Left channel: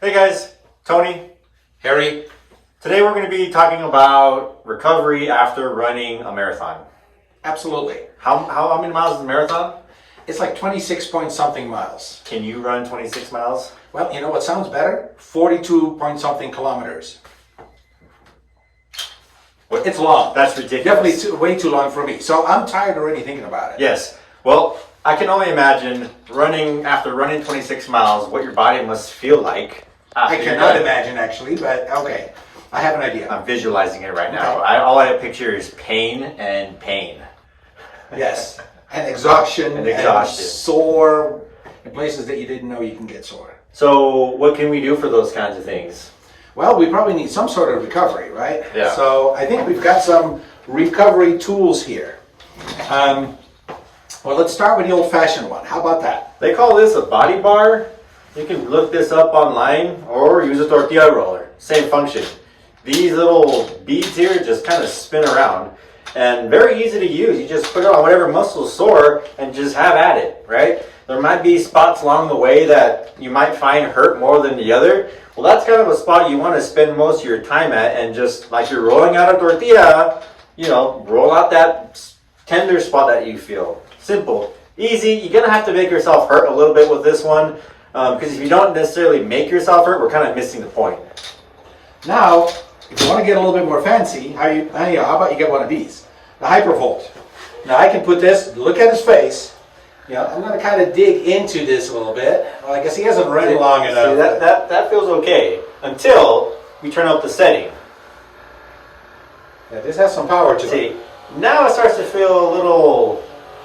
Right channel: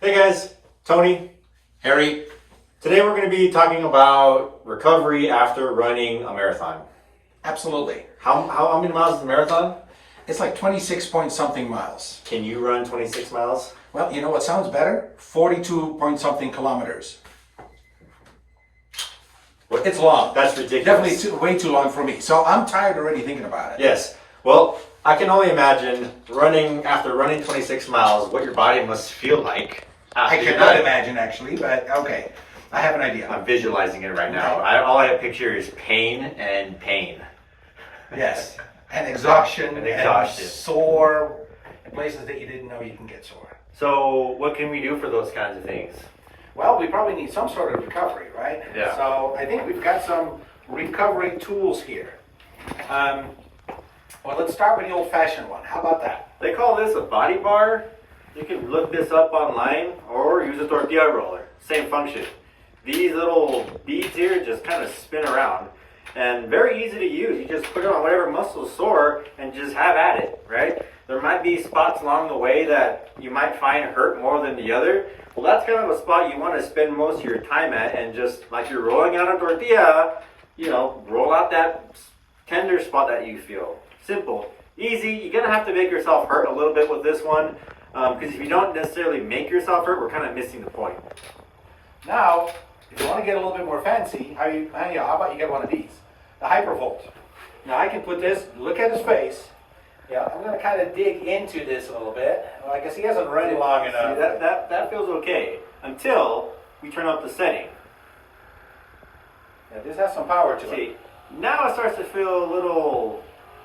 Hey guys, Tony, Harry, today we're going to be talking about recovery after running a marathon. absolutely. How many miles is a marathon? It's like 26 point something miles. Can you run 26 miles? Well, you know what sounds better? 42 point something kilometers. What? It's long. That's ridiculous. Definitely way too long for me. So I'm tired already thinking about it. Yes. Well, I can only imagine after running 26 miles, what your body must feel like. I after you're cannot done. imagine actually, but okay. I have an idea. I'm visualizing it right now. Okay. All I picture is pain and pain. Yes. And exhaustion. And exhaustion. And sore in places that you didn't know you can get sore. So, what can we do for those kinds of things? Well, we probably need some sort of recovery, right? Yeah. So I think we've got some recovery tools here. Well, let's start with the old-fashioned one. How about that? They call this a body bar. You can look this up online or use a tortilla roller. Same function. These little beads here just kind of spin around and very easy to use. You just put it on whatever muscle's sore and just have at it, right? There might be spots along the way that you might find hurt more than the other. Well, that's kind of a spot you want to spend most of your time at, and just like you're rolling out a tortilla, roll out that tender spot that you feel. Simple. Easy. You're going to have to make yourself hurt a little bit with this one, because if you don't necessarily make yourself hurt, we're kind of missing the point. Now, if you want to get a little bit more fancy, how about you get one of these? The Hypervolt. Now I can put this, look at his face. I'm going to kind of dig into this a little bit. Well, I guess he hasn't run long enough. See, that feels okay until we turn up the setting. Yeah, this has some power to See, it. now it starts to feel a little,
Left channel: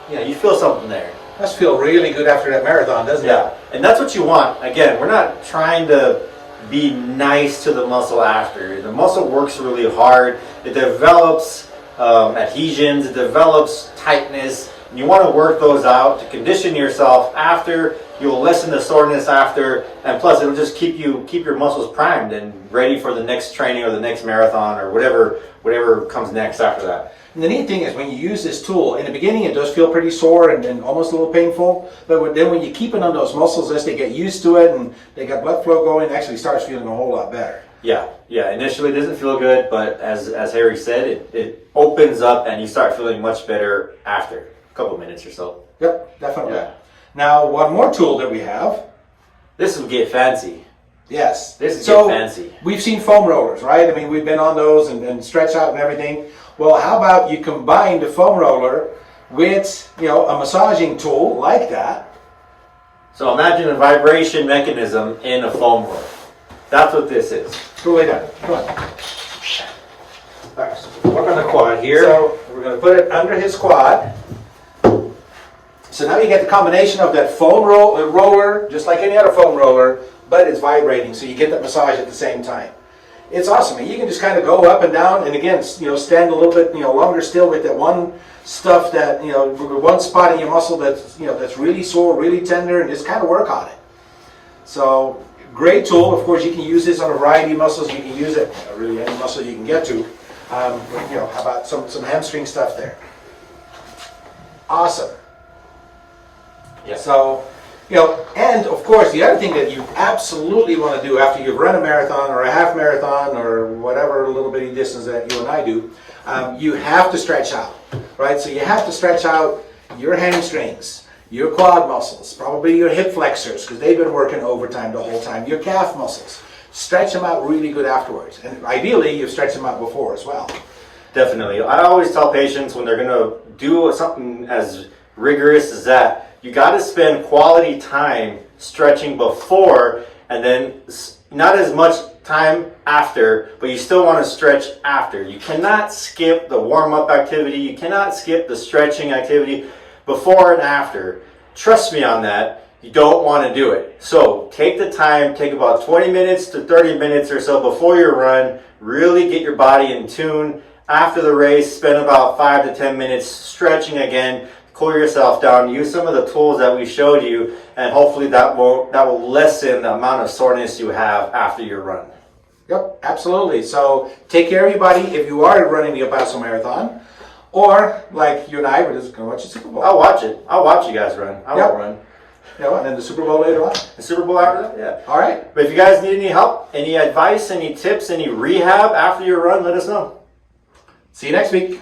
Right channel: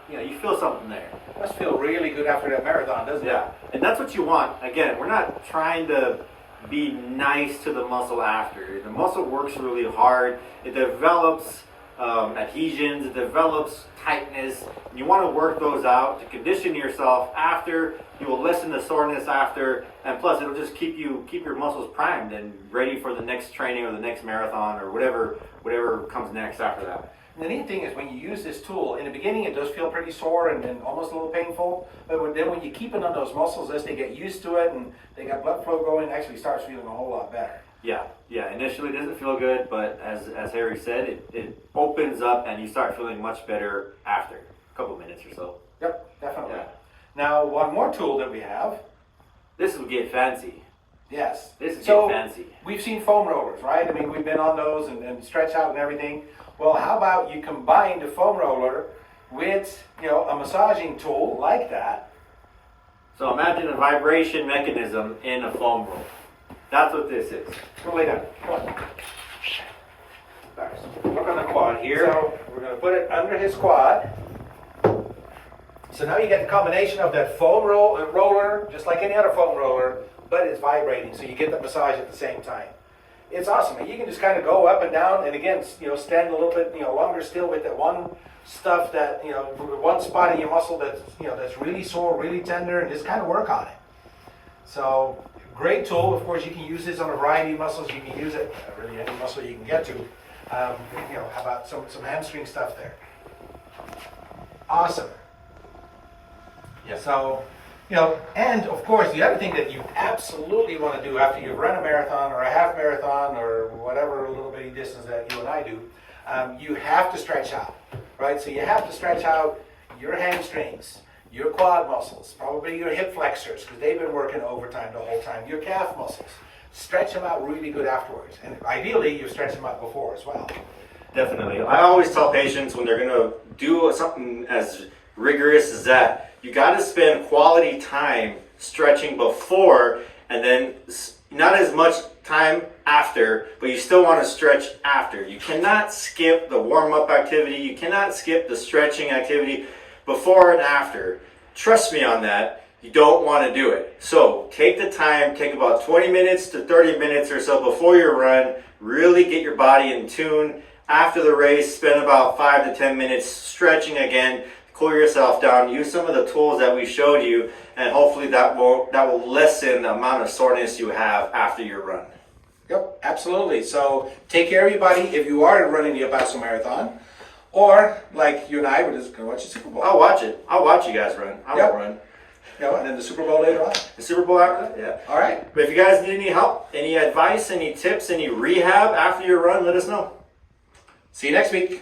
you feel something there. Must feel really good after that marathon, doesn't Yeah, it? and that's what you want. Again, we're not trying to be nice to the muscle after. The muscle works really hard. It develops adhesions. It develops tightness. And you want to work those out to condition yourself after. You'll lessen the soreness after, and plus it'll just keep your muscles primed and ready for the next training or the next marathon or whatever comes next after that. And the neat thing is when you use this tool, in the beginning it does feel pretty sore and almost a little painful, but then when you keep it on those muscles as they get used to it and they get blood flow going, it actually starts feeling a whole lot better. Yeah. Initially it doesn't feel good, but as Harry said, it opens up and you start feeling much better after a couple minutes or so. Yep, definitely. Yeah. Now, one more tool that we have. This will get fancy. Yes. This is get fancy. We've seen foam rollers, right? I mean, we've been on those and stretch out and everything. Well, how about you combine the foam roller with, a massaging tool like that. So imagine a vibration mechanism in a foam roller. That's what this is. Go lay down. Come on. All right, so work on the quad here. So we're going to put it under his quad. So now you get the combination of that foam roller, just like any other foam roller, but it's vibrating, so you get that massage at the same time. It's awesome. And you can just kind of go up and down, and again, stand a little bit, longer still with that one stuff that, one spot in your muscle that's really sore, really tender, and just kind of work on it. So great tool. Of course, you can use this on a variety of muscles. You can use it really any muscle you can get to. How about some hamstring stuff there? Awesome. Yeah. So, and of course, the other thing that you absolutely want to do after you've run a marathon or a half marathon or whatever little bitty distance that you and I do, you have to stretch out, right? So you have to stretch out your hamstrings, your quad muscles, probably your hip flexors, because they've been working overtime the whole time, your calf muscles. Stretch them out really good afterwards. And ideally, you've stretched them out before as well. Definitely. I always tell patients when they're going to do something as rigorous as that, you got to spend quality time stretching before and then not as much time after, but you still want to stretch after. You cannot skip the warm-up activity. You cannot skip the stretching activity before and after. Trust me on that. You don't want to do it. So take the time, take about 20 minutes to 30 minutes or so before your run. Really get your body in tune. After the race, spend about 5 to 10 minutes stretching again. Cool yourself down. Use some of the tools that we showed you, and hopefully that will lessen the amount of soreness you have after your run. Yep, absolutely. So take care, everybody. If you are running the El Paso Marathon, or like you and I, we're just going to watch the Super Bowl. I'll watch it. I'll watch you guys run. I won't run. You know, and then the Super Bowl later on. The Super Bowl after that, yeah. All right. But if you guys need any help, any advice, any tips, any rehab after your run, let us know. See you next week.